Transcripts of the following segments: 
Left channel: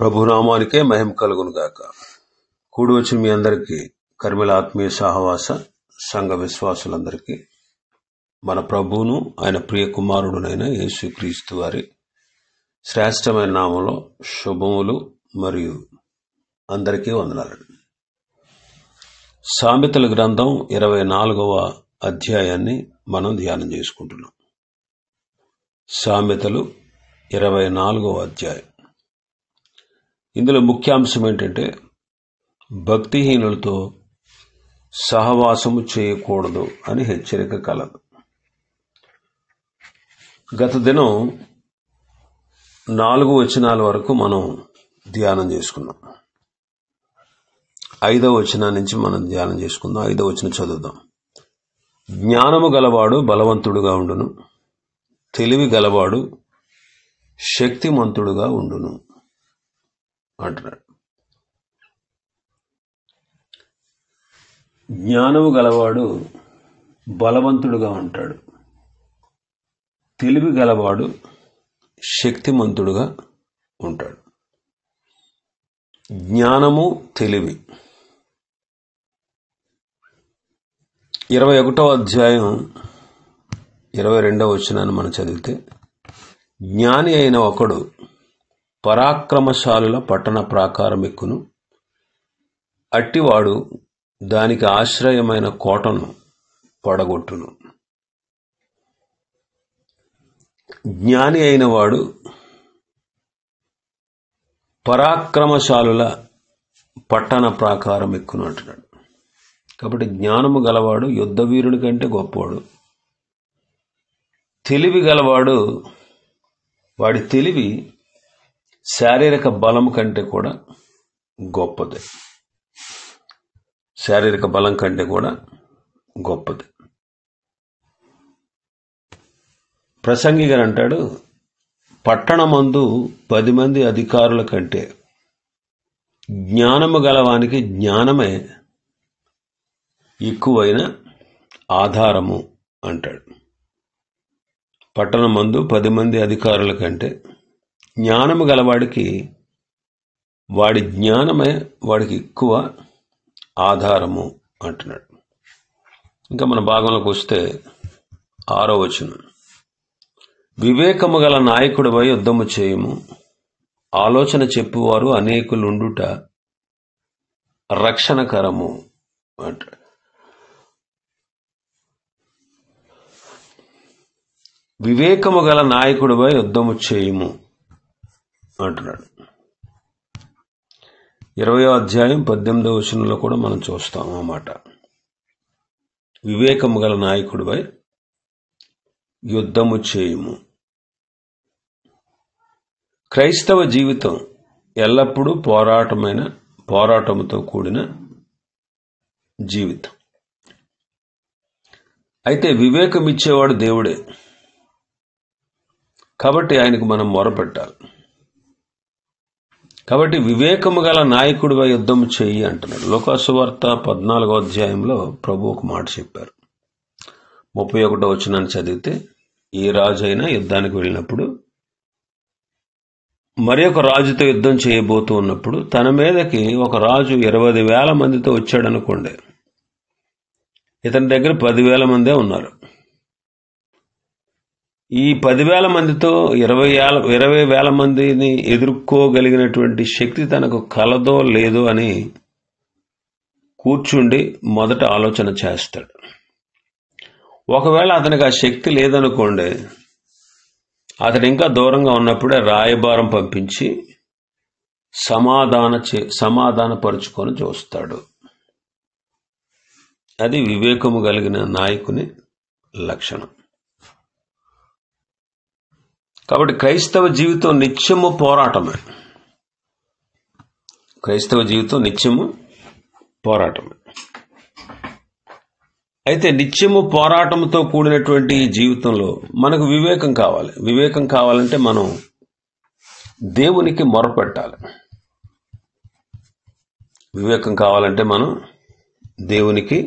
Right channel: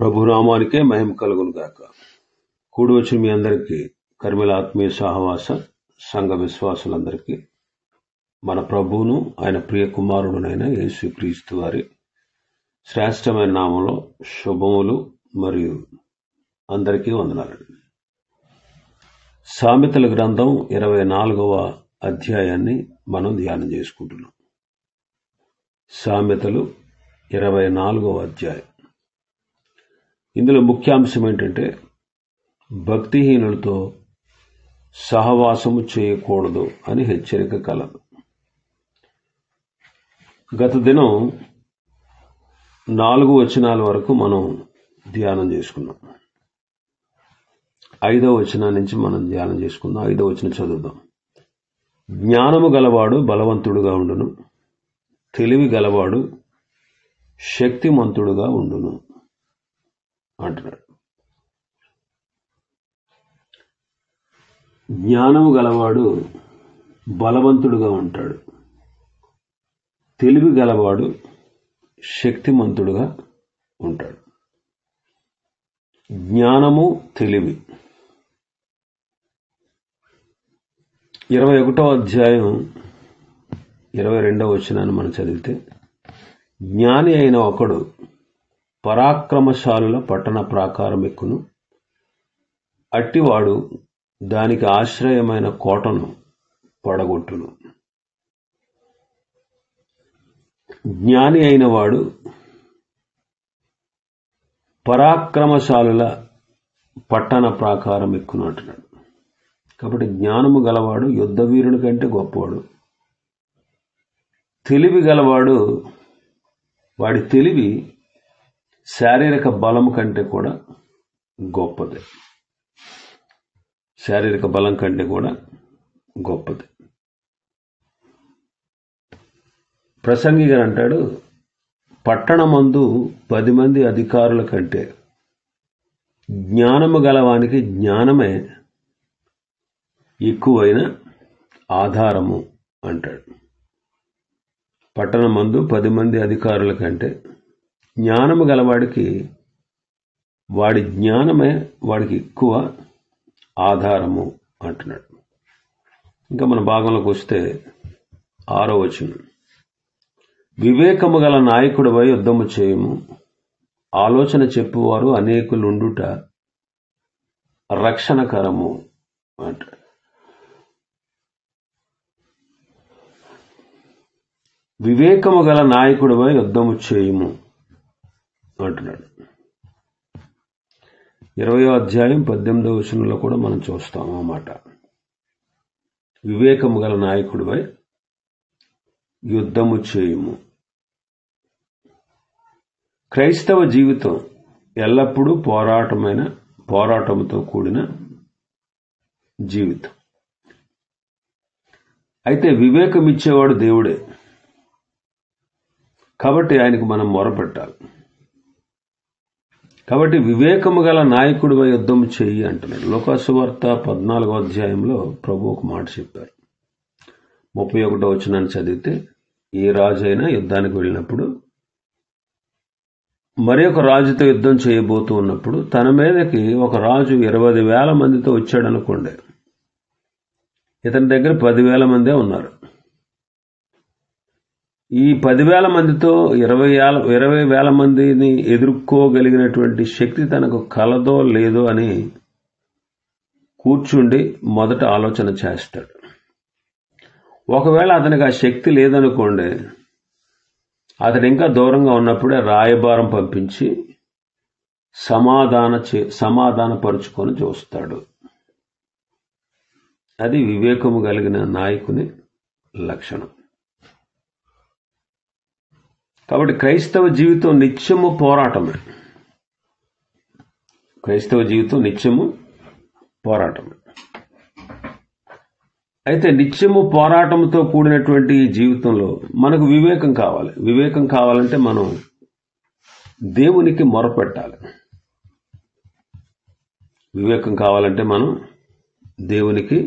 ప్రభునామానికే మహిమ కలుగును గాక. కూడి వచ్చిన మీ అందరికీ, కర్మల ఆత్మీయ సహవాస సంఘ విశ్వాసులందరికీ మన ప్రభువును ఆయన ప్రియ కుమారుడునైన యేసుక్రీస్తు వారి శ్రేష్టమైన నామంలో శుభములు మరియు అందరికీ వందనాలండి. సామెతల గ్రంథం 24వ అధ్యాయాన్ని మనం ధ్యానం చేసుకుంటున్నాం. సామెతలు 24వ అధ్యాయం. ఇందులో ముఖ్యాంశం ఏంటంటే భక్తిహీనులతో సహవాసము చేయకూడదు అని హెచ్చరిక కలదు. గత దినం 4 వచనాల వరకు మనం ధ్యానం చేసుకున్నాం. 5వ వచనం నుంచి మనం ధ్యానం చేసుకుందాం. 5వ వచనం చదువుదాం. జ్ఞానము గలవాడు బలవంతుడుగా ఉండును, తెలివి గలవాడు శక్తిమంతుడుగా ఉండును అంటున్నాడు. జ్ఞానము గలవాడు బలవంతుడుగా ఉంటాడు, తెలివి గలవాడు శక్తిమంతుడుగా ఉంటాడు. జ్ఞానము, తెలివి. 21వ అధ్యాయం 22వ వచనాన్ని మనం చదివితే, జ్ఞాని అయిన ఒకడు పరాక్రమశాలుల పట్టణ ప్రాకారం ఎక్కును, అట్టివాడు దానికి ఆశ్రయమైన కోటను పడగొట్టును. జ్ఞాని అయిన వాడు పరాక్రమశాలుల పట్టణ ప్రాకారం ఎక్కును అంటున్నాడు. కాబట్టి జ్ఞానము గలవాడు యుద్ధ వీరుని కంటే గొప్పవాడు. తెలివి గలవాడు, వాడి తెలివి శారీరక బలము కంటే కూడా గొప్పది. శారీరక బలం కంటే కూడా గొప్పది. ప్రసంగి గారు అంటాడు, పట్టణమందు 10 మంది అధికారుల కంటే జ్ఞానము గలవానికి జ్ఞానమే ఎక్కువైన ఆధారము అంటాడు. పట్టణమందు 10 మంది అధికారుల కంటే జ్ఞానము గలవాడికి వాడి జ్ఞానమే వాడికి ఎక్కువ ఆధారము అంటున్నాడు. ఇంకా మన భాగంలోకి వస్తే 6వ వచనం. వివేకము గల నాయకుడిపై యుద్ధము చేయము, ఆలోచన చెప్పువారు అనేకులుండుట రక్షణకరము అంటాడు. వివేకము గల నాయకుడిపై యుద్ధము చేయము అంటున్నాడు. 20వ అధ్యాయం 18వ వచనంలో కూడా మనం చూస్తాం ఆ మాట. వివేకము గల నాయకుడిపై యుద్ధము చేయుము. క్రైస్తవ జీవితం ఎల్లప్పుడూ పోరాటముతో కూడిన జీవితం. అయితే వివేకం ఇచ్చేవాడు దేవుడే, కాబట్టి ఆయనకు మనం మొరపెట్టాలి. కాబట్టి వివేకము గల నాయకుడిపై యుద్ధము చెయ్యి అంటున్నాడు. లోకాసు వార్త 14వ అధ్యాయంలో ప్రభు ఒక మాట చెప్పారు. 31వ వచనాన్ని చదివితే, ఏ రాజు అయినా యుద్ధానికి వెళ్ళినప్పుడు మరి ఒక రాజుతో యుద్ధం చేయబోతూ ఉన్నప్పుడు తన మీదకి ఒక రాజు 20,000 మందితో వచ్చాడనుకోండి, ఇతని దగ్గర 10,000 మందే ఉన్నారు. ఈ 10,000 మందితో 20,000 మందిని ఎదుర్కోగలిగినటువంటి శక్తి తనకు కలదో లేదో అని కూర్చుండి మొదట ఆలోచన చేస్తాడు. ఒకవేళ అతనికి ఆ శక్తి లేదనుకోండి, అతడు ఇంకా దూరంగా ఉన్నప్పుడే రాయబారం పంపించి సమాధానపరుచుకొని చూస్తాడు. అది వివేకము కలిగిన నాయకుని లక్షణం. కాబట్టి క్రైస్తవ జీవితం నిత్యము పోరాటమే. క్రైస్తవ జీవితం నిత్యము పోరాటమే. అయితే నిత్యము పోరాటంతో కూడినటువంటి ఈ జీవితంలో మనకు వివేకం కావాలి. వివేకం కావాలంటే మనం దేవునికి మొరపెట్టాలి. వివేకం కావాలంటే మనం దేవునికి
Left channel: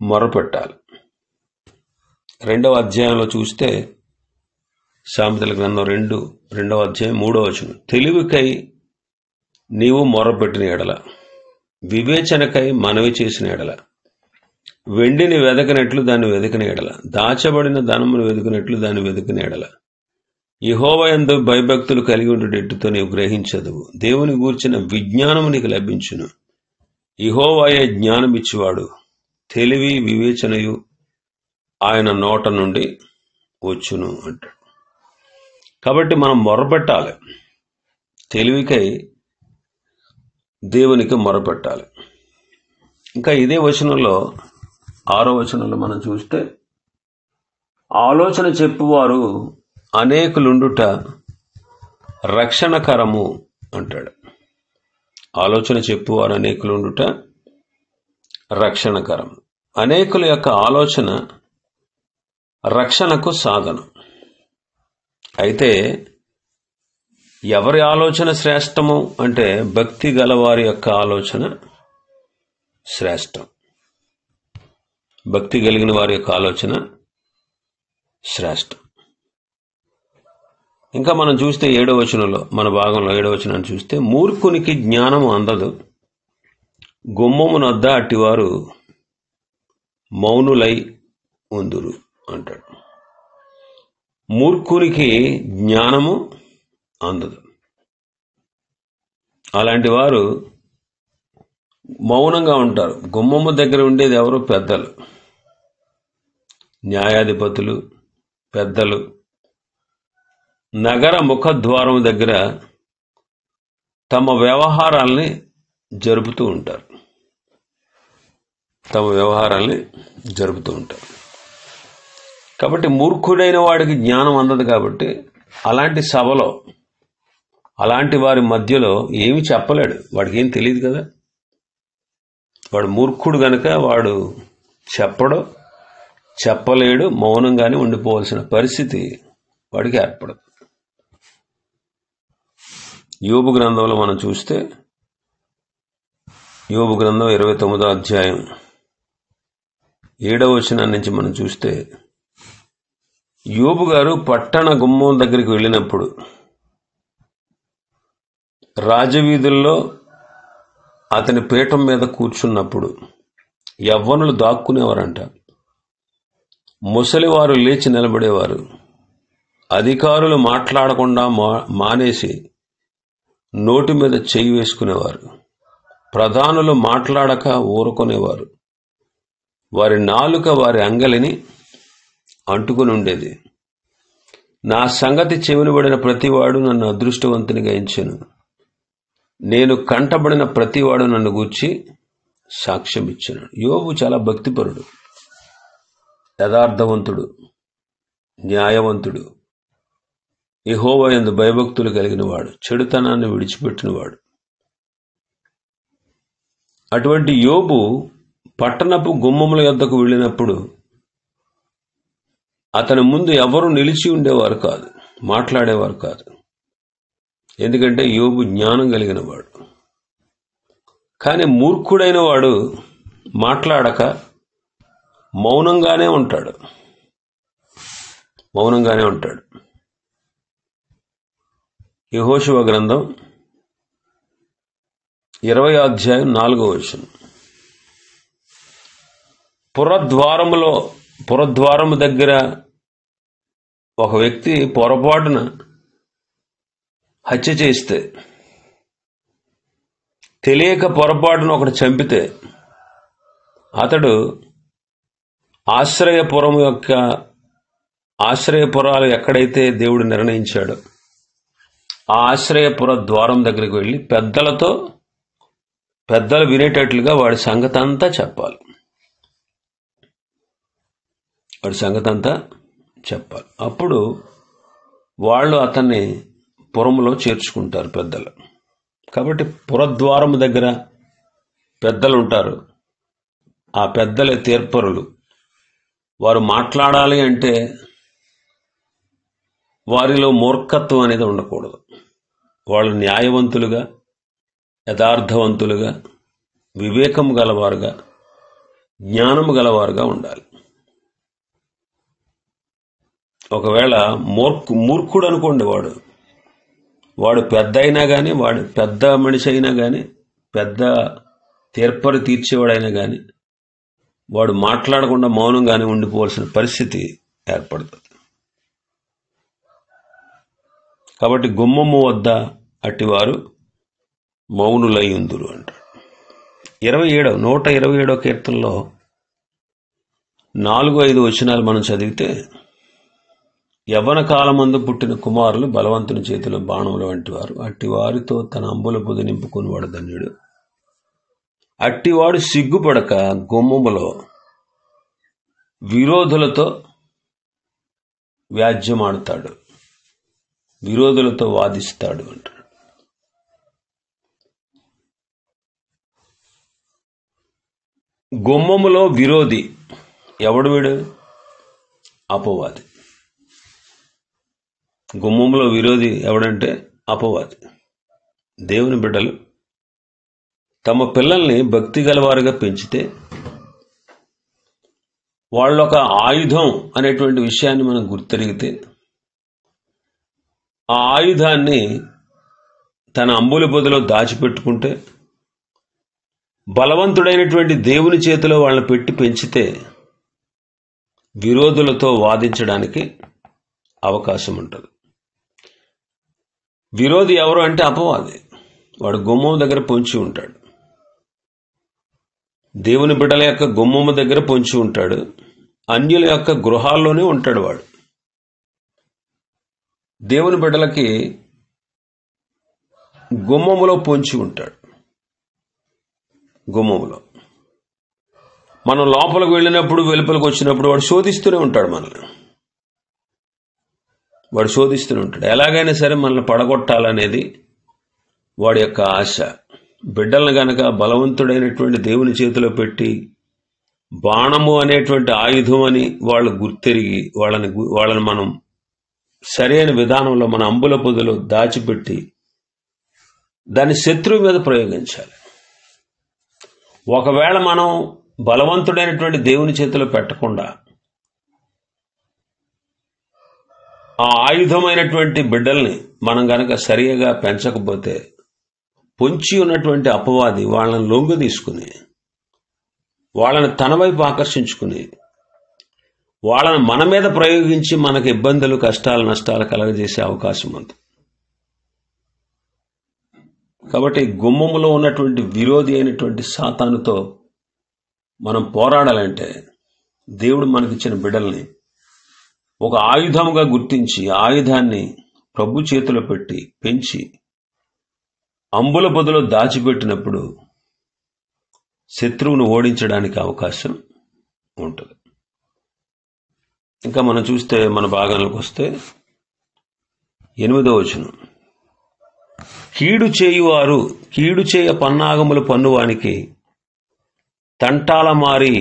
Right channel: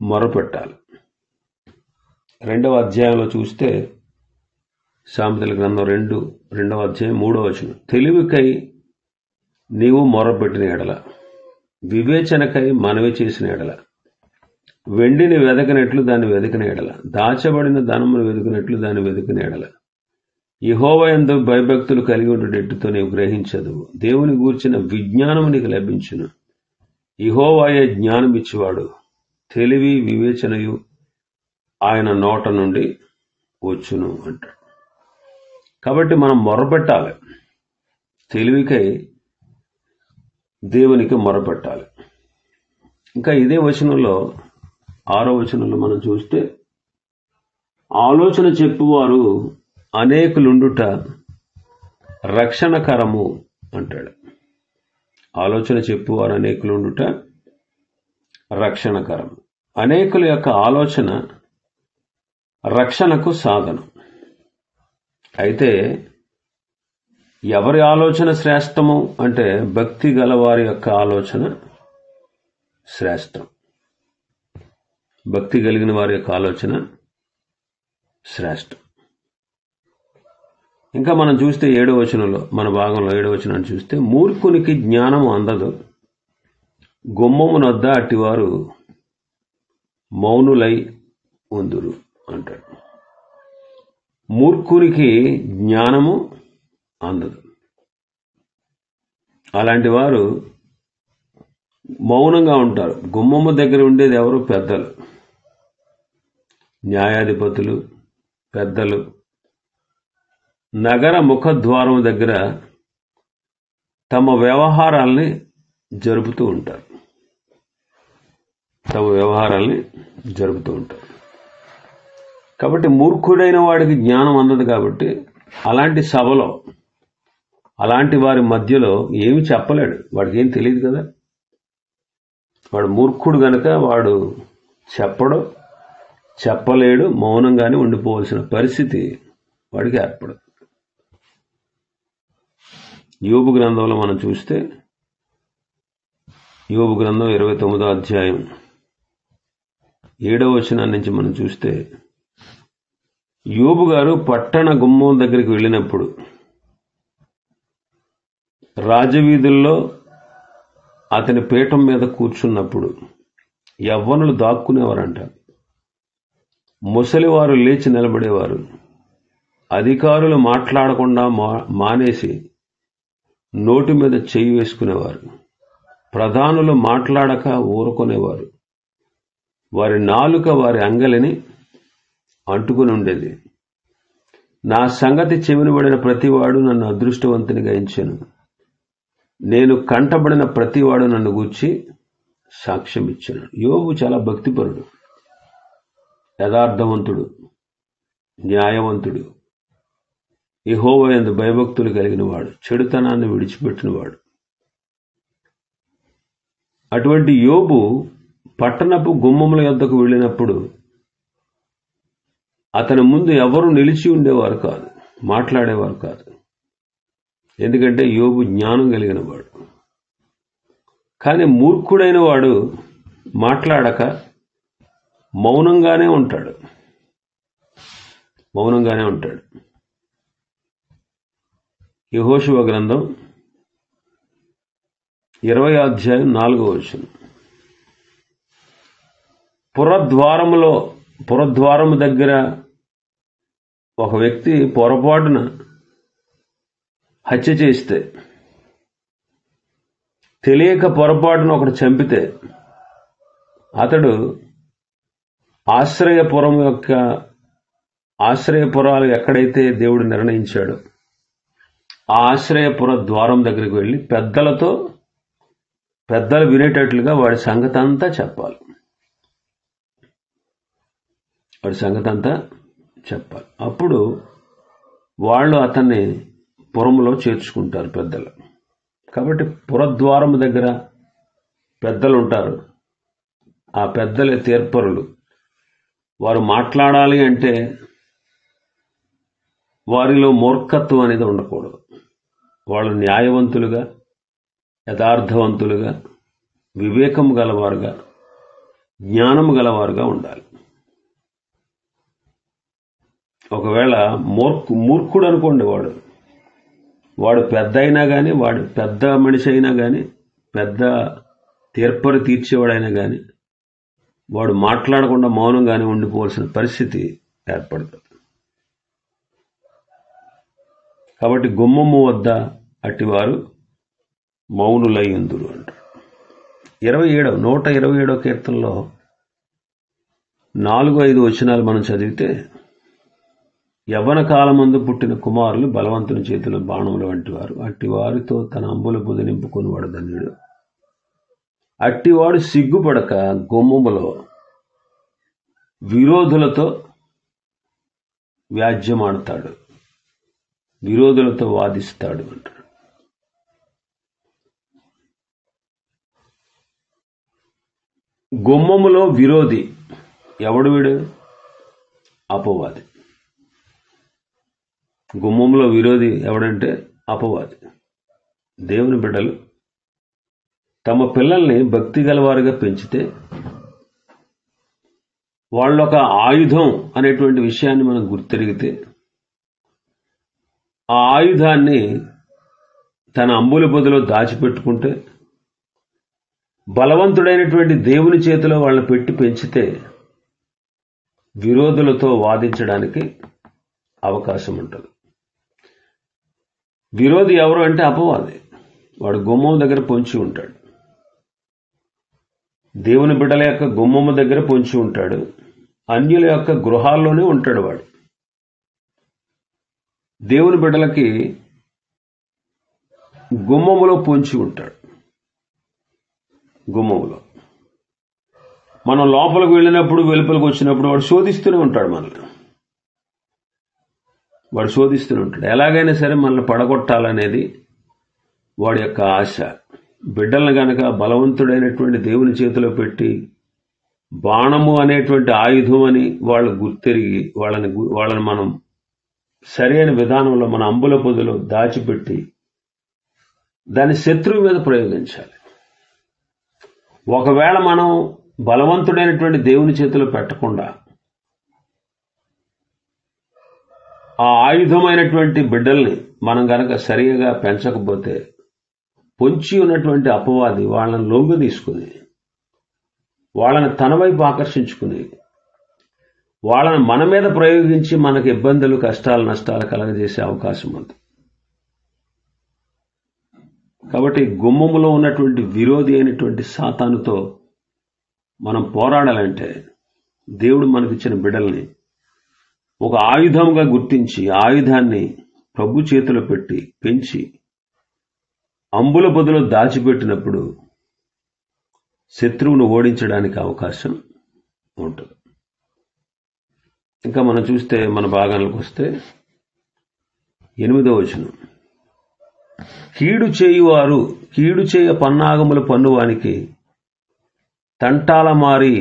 మొరపెట్టాలి. 2వ అధ్యాయంలో చూస్తే సామెతల గ్రంథం 2వ అధ్యాయం 3వ వచనం. తెలివికై నీవు మొరపెట్టిన ఎడల, వివేచనకై మనవి చేసిన ఎడల, వెండిని వెదకినట్లు దాన్ని వెదికిన ఎడల, దాచబడిన ధనమును వెదుకున్నట్లు దాన్ని వెదికిన ఎడల, యెహోవా యందు భయభక్తులు కలిగి ఉండేటట్టుతో నీవు గ్రహించదువు. దేవుని గూర్చిన విజ్ఞానము నీకు లభించును. యెహోవాయే జ్ఞానం ఇచ్చేవాడు, తెలివి వివేచనయు ఆయన నోట నుండి వచ్చును అంటాడు. కాబట్టి మనం మొరపెట్టాలి, తెలివికై దేవునికి మొరపెట్టాలి. ఇంకా ఇదే వచనంలో 6వ వచనంలో మనం చూస్తే, ఆలోచన చెప్పువారు అనేకులుండుట రక్షణకరము అంటాడు. ఆలోచన చెప్పువారు అనేకులుండుట రక్షణకరము. అనేకుల యొక్క ఆలోచన రక్షణకు సాధనం. అయితే ఎవరి ఆలోచన శ్రేష్టము అంటే, భక్తి గలవారి యొక్క ఆలోచన శ్రేష్టం. భక్తి కలిగిన వారి యొక్క ఆలోచన శ్రేష్టం. ఇంకా మనం చూస్తే 7వ వచనంలో, మన భాగంలో 7వ వచనాన్ని చూస్తే, మూర్ఖునికి జ్ఞానము అందదు, గుమ్మమునొద్ద అట్టివారు మౌనులై ఉందురు అంటాడు. మూర్ఖునికి జ్ఞానము అందదు. అలాంటి వారు మౌనంగా ఉంటారు. గుమ్మము దగ్గర ఉండేది ఎవరు? పెద్దలు, న్యాయాధిపతులు, పెద్దలు. నగర ముఖద్వారం దగ్గర తమ వ్యవహారాల్ని జరుపుతూ ఉంటారు. కాబట్టి మూర్ఖుడైన వాడికి జ్ఞానం అందదు. కాబట్టి అలాంటి సభలో, అలాంటి వారి మధ్యలో ఏమి చెప్పలేడు. వాడికి ఏం తెలియదు కదా. వాడు మూర్ఖుడు గనుక వాడు చెప్పలేడు, మౌనంగానే ఉండిపోవాల్సిన పరిస్థితి వాడికి ఏర్పడదు. యోబు గ్రంథంలో మనం చూస్తే, యోబు గ్రంథం 29వ అధ్యాయం 7వ వచనం నుంచి మనం చూస్తే, యోబు గారు పట్టణ గుమ్మం దగ్గరికి వెళ్ళినప్పుడు, రాజవీధుల్లో అతని పీఠం మీద కూర్చున్నప్పుడు యవ్వనులు దాక్కునేవారంట. ముసలివారు లేచి నిలబడేవారు. అధికారులు మాట్లాడకుండా మానేసి నోటి మీద చెయ్యి వేసుకునేవారు. ప్రధానులు మాట్లాడక ఊరుకునేవారు. వారి నాలుక వారి అంగలిని అంటుకుని ఉండేది. నా సంగతి చెవినబడిన ప్రతివాడు నన్ను అదృష్టవంతునిగా ఎంచెను. నేను కంటబడిన ప్రతివాడు నన్ను గూర్చి సాక్ష్యం ఇచ్చాను. యోబు చాలా భక్తిపరుడు, యథార్థవంతుడు, న్యాయవంతుడు, యెహోవా యందు భయభక్తులు కలిగిన వాడు, చెడుతనాన్ని విడిచిపెట్టినవాడు. అటువంటి యోబు పట్టణపు గుమ్మముల యొద్దకు వెళ్ళినప్పుడు అతని ముందు ఎవరు నిలిచి ఉండేవారు కాదు, మాట్లాడేవారు కాదు. ఎందుకంటే యోబు జ్ఞానం కలిగిన వాడు. కానీ మూర్ఖుడైన వాడు మాట్లాడక మౌనంగానే ఉంటాడు. యెహోషువ గ్రంథం 20వ అధ్యాయం 4వ వచనం, పురద్వారము దగ్గర ఒక వ్యక్తి పొరపాటున హత్య చేస్తే, తెలియక పొరపాటున ఒకడు చంపితే, అతడు ఆశ్రయపురాలు ఎక్కడైతే దేవుడు నిర్ణయించాడో ఆ ఆశ్రయపుర ద్వారం దగ్గరికి వెళ్ళి పెద్దలు వినేటట్లుగా వాడి సంగతి అంతా చెప్పాలి. అప్పుడు వాళ్ళు అతన్ని పురంలో చేర్చుకుంటారు పెద్దలు. కాబట్టి పురద్వారం దగ్గర పెద్దలు ఉంటారు. ఆ పెద్దలే తీర్పరులు. వారు మాట్లాడాలి అంటే వారిలో మూర్ఖత్వం అనేది ఉండకూడదు. వాళ్ళు న్యాయవంతులుగా, యథార్థవంతులుగా, వివేకం గలవారుగా, జ్ఞానము గలవారుగా ఉండాలి. ఒకవేళ మూర్ఖుడు అనుకోండి, వాడు వాడు పెద్ద అయినా కానీ, వాడు పెద్ద మనిషి అయినా కానీ, పెద్ద తీర్పరి తీర్చేవాడైనా కానీ, వాడు మాట్లాడకుండా మౌనంగానే ఉండిపోవాల్సిన పరిస్థితి ఏర్పడుతుంది. కాబట్టి గుమ్మము వద్ద అట్టివారు మౌనులై ఉందురు అంటారు. 127వ కీర్తనలో 4-5 వచనాలు మనం చదివితే, యవ్వన కాలమందు పుట్టిన కుమారులు బలవంతుని చేతిలో బాణముల వంటి వారు, అట్టివారితో తన అంబుల పొది నింపుకునివాడు ధన్యుడు. అట్టివాడు సిగ్గుపడక గుమ్మములో విరోధులతో వ్యాజ్యమాడతాడు, విరోధులతో వాదిస్తాడు అంటాడు. గుమ్మములో విరోధి ఎవడు? వీడు అపవాది. గుమ్మంలో విరోధి ఎవడంటే అపవాది. దేవుని బిడ్డలు తమ పిల్లల్ని భక్తి గలవారుగా పెంచితే వాళ్ళొక ఆయుధం అనేటువంటి విషయాన్ని మనం గుర్తెరిగితే, ఆ ఆయుధాన్ని తన అంబుల పొదిలో దాచిపెట్టుకుంటే, బలవంతుడైనటువంటి దేవుని చేతిలో వాళ్ళని పెట్టి పెంచితే విరోధులతో వాదించడానికి అవకాశం ఉంటుంది. విరోధి ఎవరు అంటే అపవాది. వాడు గుమ్మం దగ్గర పొంచి ఉంటాడు, దేవుని బిడ్డల యొక్క గుమ్మము దగ్గర పొంచి ఉంటాడు, అన్యుల యొక్క గృహాల్లోనే ఉంటాడు. వాడు దేవుని బిడ్డలకి గుమ్మములో పొంచి ఉంటాడు. గుమ్మములో మనం లోపలికి వెళ్ళినప్పుడు, వెలుపలికి వచ్చినప్పుడు వాడు శోధిస్తూనే ఉంటాడు మనల్ని. వాడు శోధిస్తూనే ఉంటాడు. ఎలాగైనా సరే మనల్ని పడగొట్టాలనేది వాడి యొక్క ఆశ. బిడ్డలను గనక బలవంతుడైనటువంటి దేవుని చేతిలో పెట్టి బాణము అనేటువంటి ఆయుధం అని వాళ్ళు గుర్తెరిగి వాళ్ళని మనం సరైన విధానంలో మన అంబుల పొదిలో దాచిపెట్టి దాన్ని శత్రువు మీద ప్రయోగించాలి. ఒకవేళ మనం బలవంతుడైనటువంటి దేవుని చేతిలో పెట్టకుండా ఆ ఆయుధమైనటువంటి బిడ్డల్ని మనం గనక సరిగా పెంచకపోతే, పొంచి ఉన్నటువంటి అపవాది వాళ్ళని లొంగు తీసుకుని, వాళ్ళని తన వైపు ఆకర్షించుకుని, వాళ్ళని మన మీద ప్రయోగించి మనకు ఇబ్బందులు, కష్టాలు, నష్టాలు కలగజేసే అవకాశం ఉంది. కాబట్టి గుమ్మములో ఉన్నటువంటి విరోధి అయినటువంటి సాతానుతో మనం పోరాడాలంటే, దేవుడు మనకిచ్చిన బిడ్డల్ని ఒక ఆయుధముగా గుర్తించి, ఆయుధాన్ని ప్రభు చేతిలో పెట్టి పెంచి అంబుల పొదిలో దాచిపెట్టినప్పుడు శత్రువును ఓడించడానికి అవకాశం ఉంటుంది. ఇంకా మనం చూస్తే మన భాగాలకు వస్తే 8వ వచనం, కీడు చేయువారు కీడు చేయ పన్నాగములు పన్నువానికి తంటాలమారి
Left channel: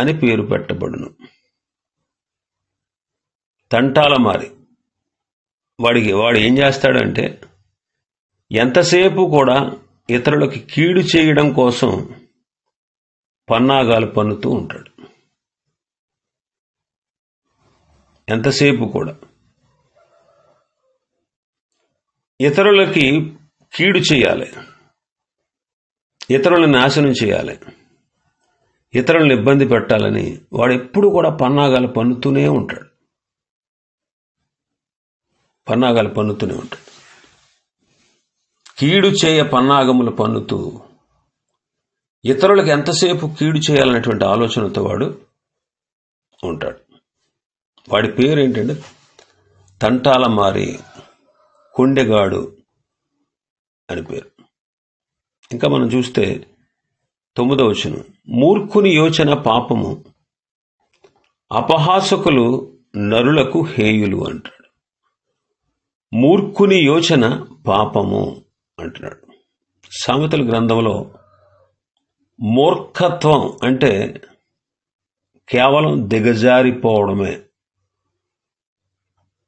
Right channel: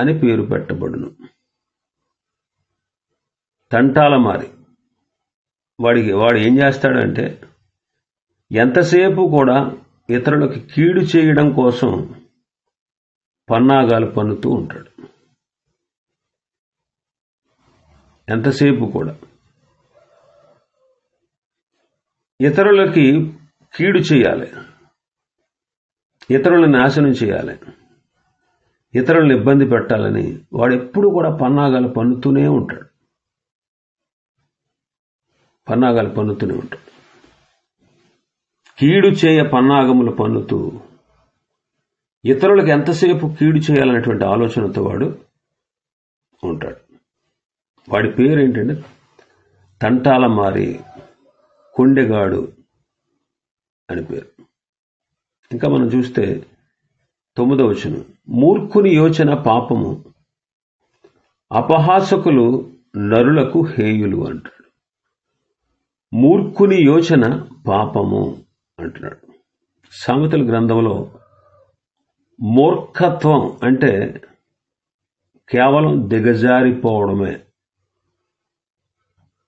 అని పేరు పెట్టబడును. తంటాలమారి వాడు ఏం చేస్తాడంటే, ఎంతసేపు కూడా ఇతరులకి కీడు చేయడం కోసం పన్నాగాలు పన్నుతూ ఉంటాడు. ఎంతసేపు కూడా ఇతరులకి కీడు చేయాలి, ఇతరులను నాశనం చేయాలి, ఇతరులను ఇబ్బంది పెట్టాలని వాడు ఎప్పుడు కూడా పన్నాగాలు పన్నుతూనే ఉంటాడు. పన్నాగాలు పన్నుతూనే ఉంటాడు. కీడు చేయ పన్నాగములు పన్నుతూ ఇతరులకు ఎంతసేపు కీడు చేయాలనేటువంటి ఆలోచనతో వాడు ఉంటాడు. వాడి పేరు ఏంటంటే తంటాలమారి, కొండెగాడు అని పేరు. ఇంకా మనం చూస్తే 9వ వచనం, మూర్ఖుని యోచన పాపము, అపహాసకులు నరులకు హేయులు అంటాడు. మూర్ఖుని యోచన పాపము అంటున్నాడు. సామెతల గ్రంథంలో మూర్ఖత్వం అంటే కేవలం దిగజారిపోవడమే,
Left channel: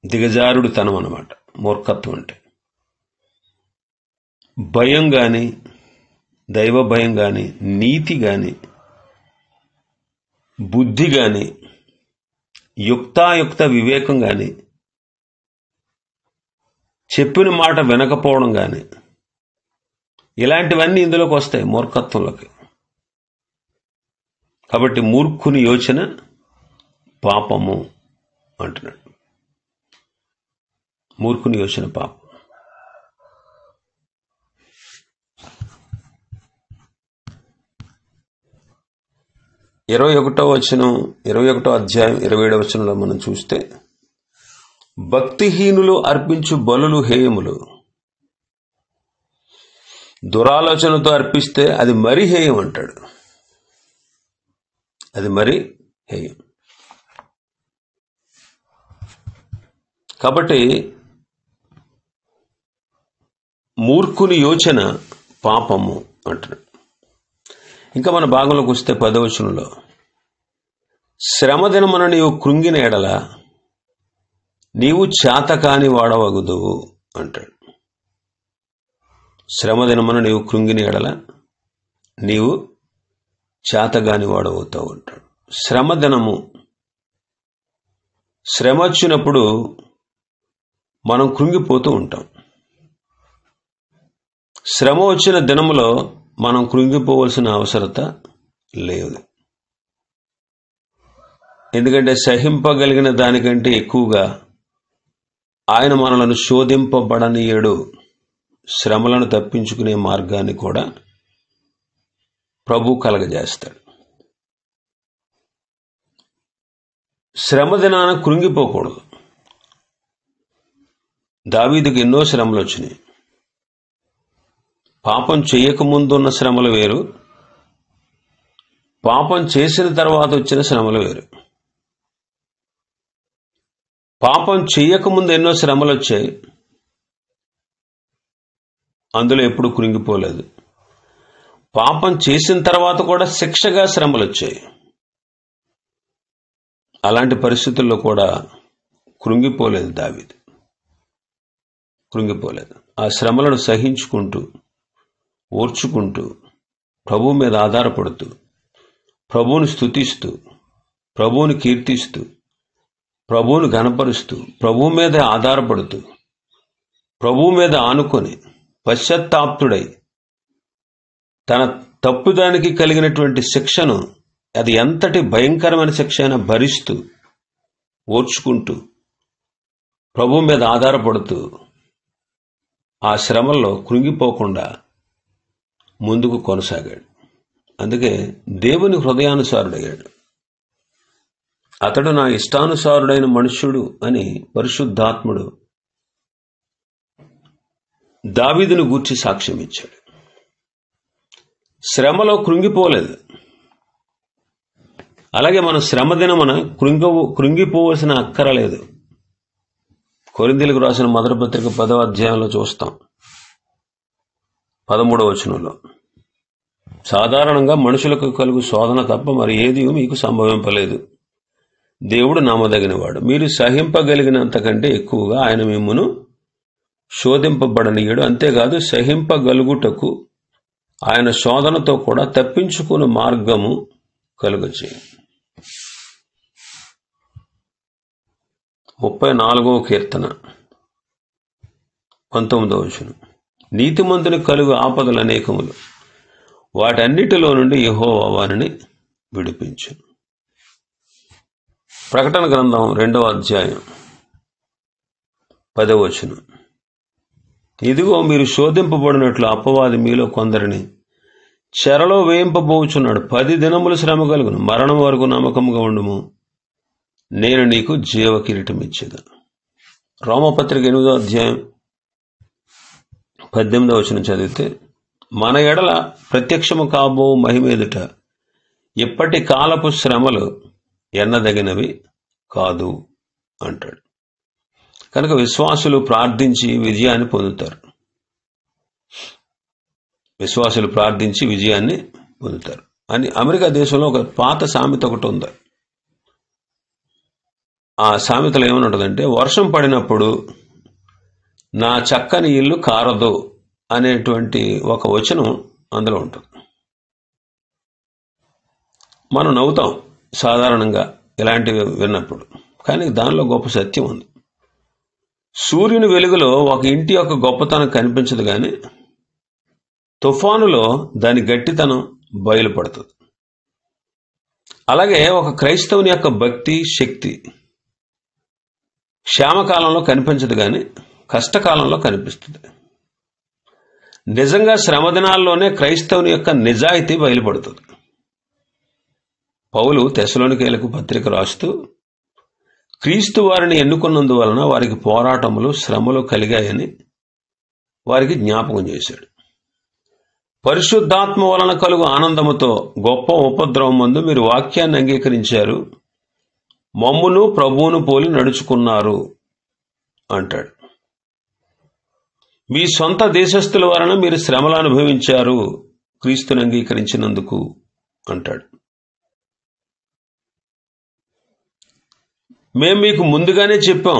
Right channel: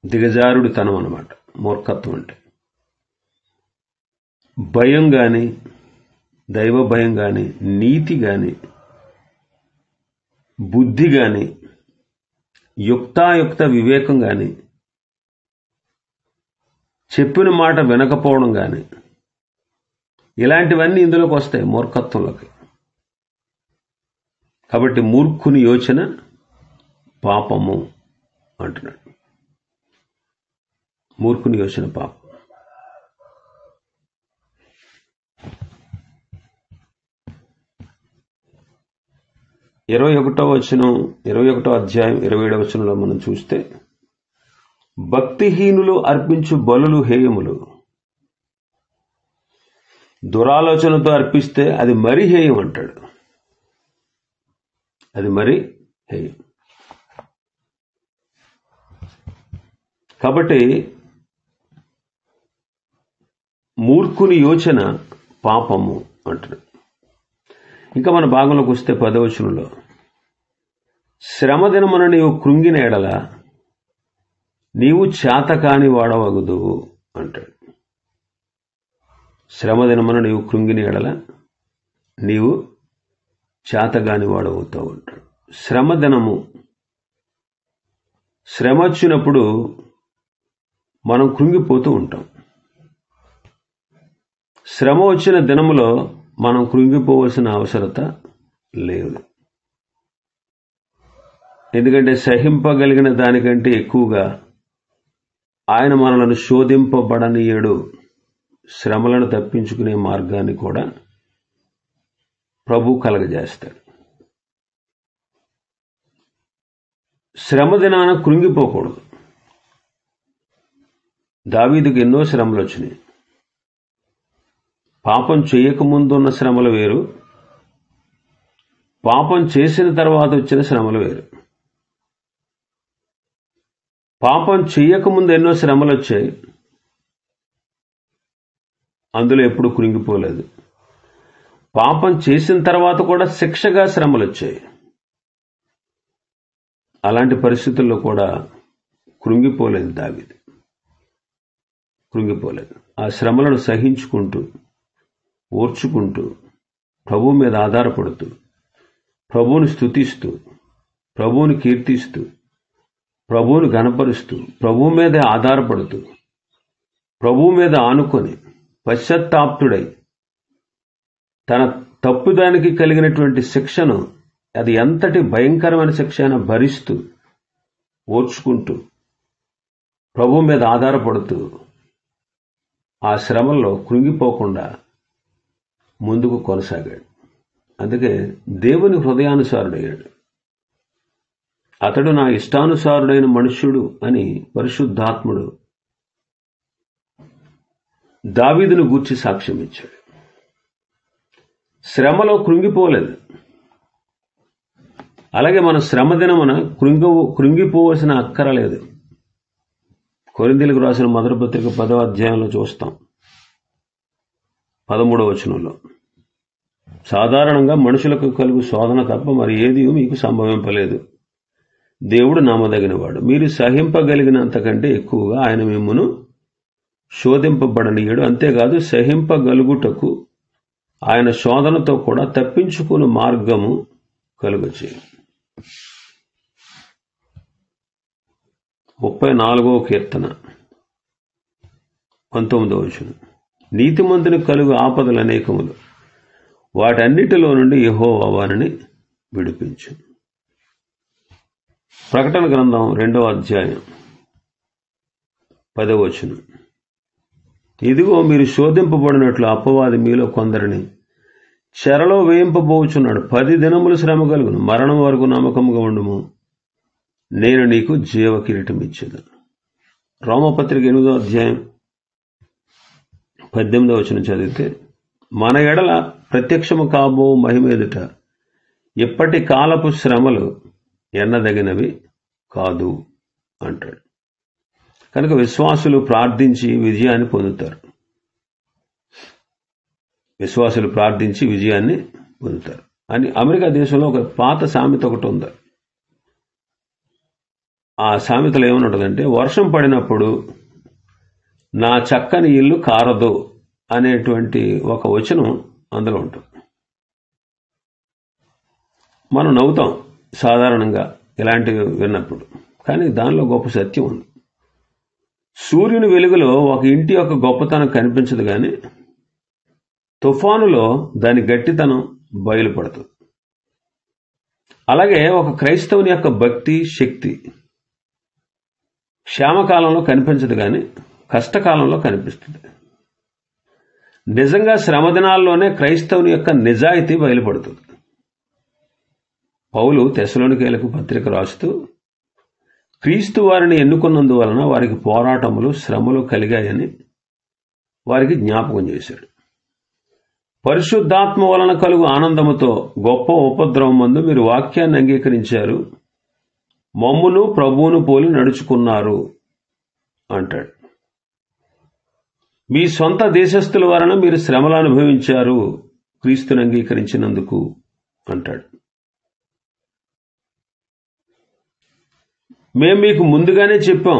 దిగజారుడుతనం అన్నమాట మూర్ఖత్వం అంటే. భయం కానీ, దైవ భయం కానీ, నీతి కానీ, బుద్ధి కానీ, యుక్తాయుక్త వివేకం కానీ చెప్పిన మాట వినకపోవడం కానీ, ఇలాంటివన్నీ ఇందులోకి వస్తాయి మూర్ఖత్వంలోకి. కాబట్టి మూర్ఖుని యోచన పాపము అంటున్నాడు. మూర్ఖుని యోచన పాపం. ఇరవై ఒకటో అధ్యాయం 27వ వచనంలో మనం చూస్తే, భక్తిహీనులు అర్పించు బలులు హేయములు, దురాలోచనతో అర్పిస్తే అది మరీ హేయం అంటాడు. అది మరీ హేయం. కాబట్టి మూర్ఖుని యోచన పాపము అంటున్నాడు. ఇంకా మన భాగంలోకి వస్తే 10వ వచనంలో, శ్రమదినమున నీవు కృంగిన ఎడల నీవు చేతకాని వాడవగుదువు అంటాడు. శ్రమదినమున నీవు కృంగిన ఎడల నీవు చేతగాని వాడవుతావు అంటాడు. శ్రమదినము, శ్రమ వచ్చినప్పుడు మనం కృంగిపోతూ ఉంటాం. శ్రమ వచ్చిన దినములో మనం కృంగిపోవలసిన అవసరత లేదు. ఎందుకంటే సహింపగలిగిన దానికంటే ఎక్కువగా ఆయన మనలను శోధింపబడనీయడు. శ్రమలను తప్పించుకునే మార్గాన్ని కూడా ప్రభు కలగజేస్తాడు. శ్రమ దినాన కృంగిపోకూడదు. దావీదుకి ఎన్నో శ్రమలు వచ్చినాయి. పాపం చేయకముందున్న శ్రమలు వేరు, పాపం చేసిన తర్వాత వచ్చిన శ్రమలు వేరు. పాపం చేయకముందు ఎన్నో శ్రమలు వచ్చాయి, అందులో ఎప్పుడు కృంగిపోలేదు. పాపం చేసిన తర్వాత కూడా శిక్షగా శ్రమలు వచ్చాయి, అలాంటి పరిస్థితుల్లో కూడా కృంగిపోలేదు దావీదు. కృంగిపోలేదు. ఆ శ్రమలను సహించుకుంటూ, ఓర్చుకుంటూ, ప్రభువు మీద ఆధారపడుతూ, ప్రభువుని స్తుతిస్తూ, ప్రభువుని కీర్తిస్తూ, ప్రభువుని ఘనపరుస్తూ, ప్రభువు మీదే ఆధారపడుతూ, ప్రభువు మీద ఆనుకొని పశ్చాత్తాప్తుడై తన తప్పుదానికి కలిగినటువంటి శిక్షను, అది ఎంతటి భయంకరమైన శిక్ష అయినా భరిస్తూ, ఓర్చుకుంటూ, ప్రభువు మీద ఆధారపడుతూ, ఆ శ్రమల్లో కృంగిపోకుండా ముందుకు కొనసాగాడు. అందుకే దేవుని హృదయానుసారుడయ్యాడు. అతడు నా ఇష్టానుసారుడైన మనుష్యుడు అని పరిశుద్ధాత్ముడు దావీదును గూర్చి సాక్ష్యం ఇచ్చాడు. శ్రమలో కృంగిపోలేదు. అలాగే మన శ్రమ దినమున కృంగిపోవలసిన అక్కరలేదు. కొరింథీయులకు రాసిన మొదటి పత్రిక 10వ అధ్యాయంలో చూస్తాం, 13వ వచనంలో, సాధారణంగా మనుషులకు కలుగు శోధన తప్ప మరి ఏది మీకు సంభవింపలేదు. దేవుడు నమ్మదగినవాడు, మీరు సహింపగలిగినంతకంటే ఎక్కువగా ఆయన మిమ్మును శోధింపబడనీయడు. అంతేకాదు, సహింపగలుగుటకు ఆయన శోధనతో కూడా తప్పించుకునే మార్గము కలుగచేయు. 34వ కీర్తన 19వ వచనం, నీతిమంతుని కలుగు ఆపదలు అనేకములు, వాటన్నిటిలో నుండి యెహోవా వారిని విడిపించు. ప్రకటన గ్రంథం 2వ అధ్యాయం 10వ వచనం, ఇదిగో మీరు శోధింపబడినట్లు అపవాది మీలో కొందరిని చెరలో వేయింపబోచున్నాడు. 10 దినములు శ్రమ కలుగును, మరణం వరకు నమ్మకముగా ఉండుము, నేను నీకు జీవ కిరీటం ఇచ్చేదను. రోమపత్రిక 8వ అధ్యాయం 18వ వచనం చదివితే, మన ఎడల ప్రత్యక్షము కాబో మహిమ ఎదుట ఇప్పటి కాలపు శ్రమలు ఎన్నదగినవి కాదు అంటాడు. కనుక విశ్వాసులు ప్రార్థించి విజయాన్ని పొందుతారు. విశ్వాసులు ప్రార్థించి విజయాన్ని పొందుతారు అని అమెరికా దేశంలో ఒక పాత సామెత ఒకటి ఉంది. ఆ సామెతలో ఏమని ఉంటుందంటే, వర్షం పడినప్పుడు నా చక్కని ఇల్లు కారదు అనేటువంటి ఒక వచనం అందులో ఉంటుంది. మనం నవ్వుతాం సాధారణంగా ఇలాంటివి విన్నప్పుడు, కానీ దానిలో గొప్ప సత్యం ఉంది. సూర్యుని వెలుగులో ఒక ఇంటి యొక్క గొప్పతనం కనిపించదు, కానీ తుఫానులో దాని గట్టితనం బయలుపడుతుంది. అలాగే ఒక క్రైస్తవుని యొక్క భక్తి శక్తి క్షేమకాలంలో కనిపించదు, కానీ కష్టకాలంలో కనిపిస్తుంది. నిజంగా శ్రమదినాల్లోనే క్రైస్తవుని యొక్క నిజాయితీ బయలుపడుతుంది. పౌలు తెస్సలోనికీయులకు పత్రిక రాస్తూ, క్రీస్తు వారిని ఎన్నుకున్నందువలన వారికి పోరాటములు శ్రమలు కలిగాయని వారికి జ్ఞాపకం చేశాడు. పరిశుద్ధాత్మ వలన కలుగు ఆనందముతో గొప్ప ఉపద్రవం మందు మీరు వాక్యాన్ని అంగీకరించారు, మమ్మును ప్రభువును పోలి నడుచుకున్నారు అంటాడు. మీ సొంత దేశస్థుల వలన మీరు శ్రమలు అనుభవించారు క్రీస్తుని అంగీకరించినందుకు అంటాడు. మేము మీకు ముందుగానే చెప్పాం,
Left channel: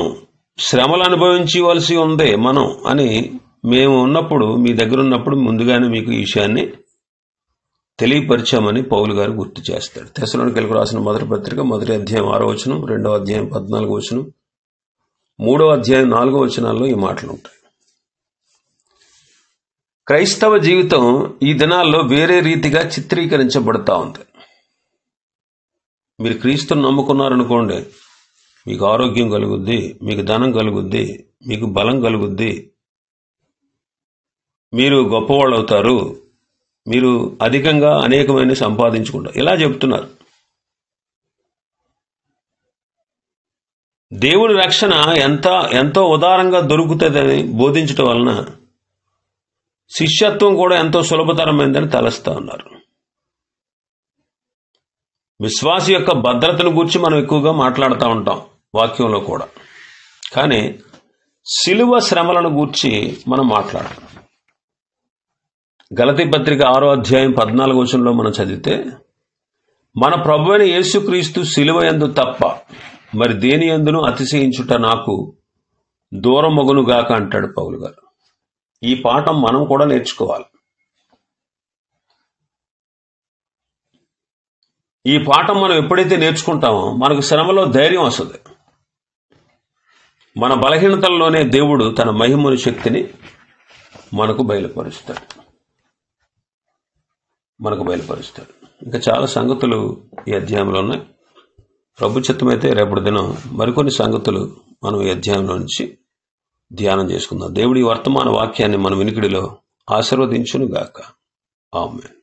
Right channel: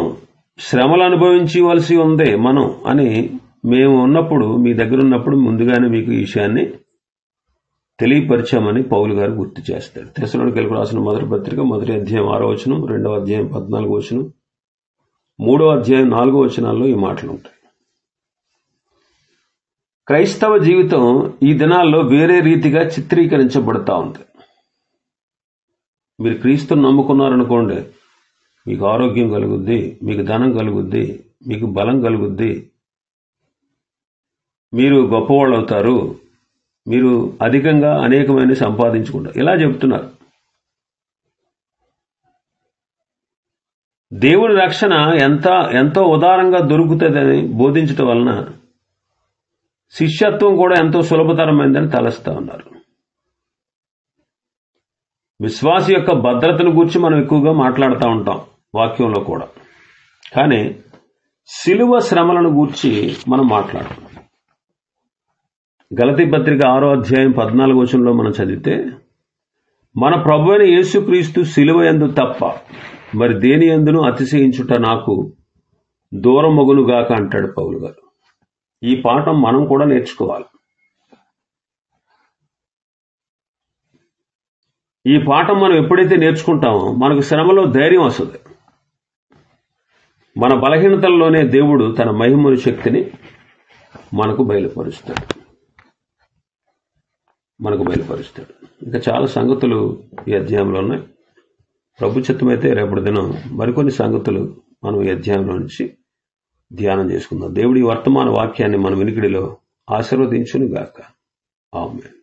శ్రమలు అనుభవించవలసి ఉంది మనం అని. మేము ఉన్నప్పుడు, మీ దగ్గర ఉన్నప్పుడు ముందుగానే మీకు ఈ విషయాన్ని తెలియపరిచామని పౌలు గారు గుర్తు చేస్తాడు. తెస్సలోనికీయులకు రాసిన మొదటి పత్రిక 1వ అధ్యాయం 6వ వచనం, 2వ అధ్యాయం 14వ వచనం, 3వ అధ్యాయం 4వ వచనాల్లో ఈ మాటలు ఉంటాయి. క్రైస్తవ జీవితం ఈ దినాల్లో వేరే రీతిగా చిత్రీకరించబడతా ఉంది. మీరు క్రీస్తుని నమ్ముకున్నారనుకోండి, మీకు ఆరోగ్యం కలుగుద్ది, మీకు ధనం కలుగుద్ది, మీకు బలం కలుగుద్ది, మీరు గొప్పవాళ్ళు అవుతారు, మీరు అధికంగా అనేకమైన సంపాదించుకుంటారు, ఇలా చెబుతున్నారు. దేవుని రక్షణ ఎంతో ఉదారంగా దొరుకుతుందని బోధించడం వలన శిష్యత్వం కూడా ఎంతో సులభతరమైందని తలస్తా ఉన్నారు. విశ్వాస యొక్క భద్రతను గురించి మనం ఎక్కువగా మాట్లాడుతూ ఉంటాం వాక్యంలో కూడా, కానీ శిలువ శ్రమలను గూర్చి మనం మాట్లాడతాం. గలతీ పత్రిక 6వ అధ్యాయం 14వ వచనంలో మనం చదివితే, మన ప్రభువైన యేసుక్రీస్తు శిలువ యందు తప్ప మరి దేని యందును అతిశయించుట నాకు దూరమగునుగాక అంటాడు పౌలు గారు. ఈ పాఠం మనం కూడా నేర్చుకోవాలి. ఈ పాఠం మనం ఎప్పుడైతే నేర్చుకుంటామో మనకు శ్రమలో ధైర్యం వస్తుంది. మన బలహీనతల్లోనే దేవుడు తన మహిమను శక్తిని మనకు బయలుపరుస్తాడు. ఇంకా చాలా సంగతులు ఈ అధ్యాయంలో ఉన్నాయి. ప్రభు చిత్తమైతే రేపటి దినం మరికొన్ని సంగతులు మనం ఈ అధ్యాయంలో నుంచి ధ్యానం చేసుకుందాం. దేవుడి వర్తమాన వాక్యాన్ని మన వినికిడిలో ఆశీర్వదించును గాక. ఆమేన్.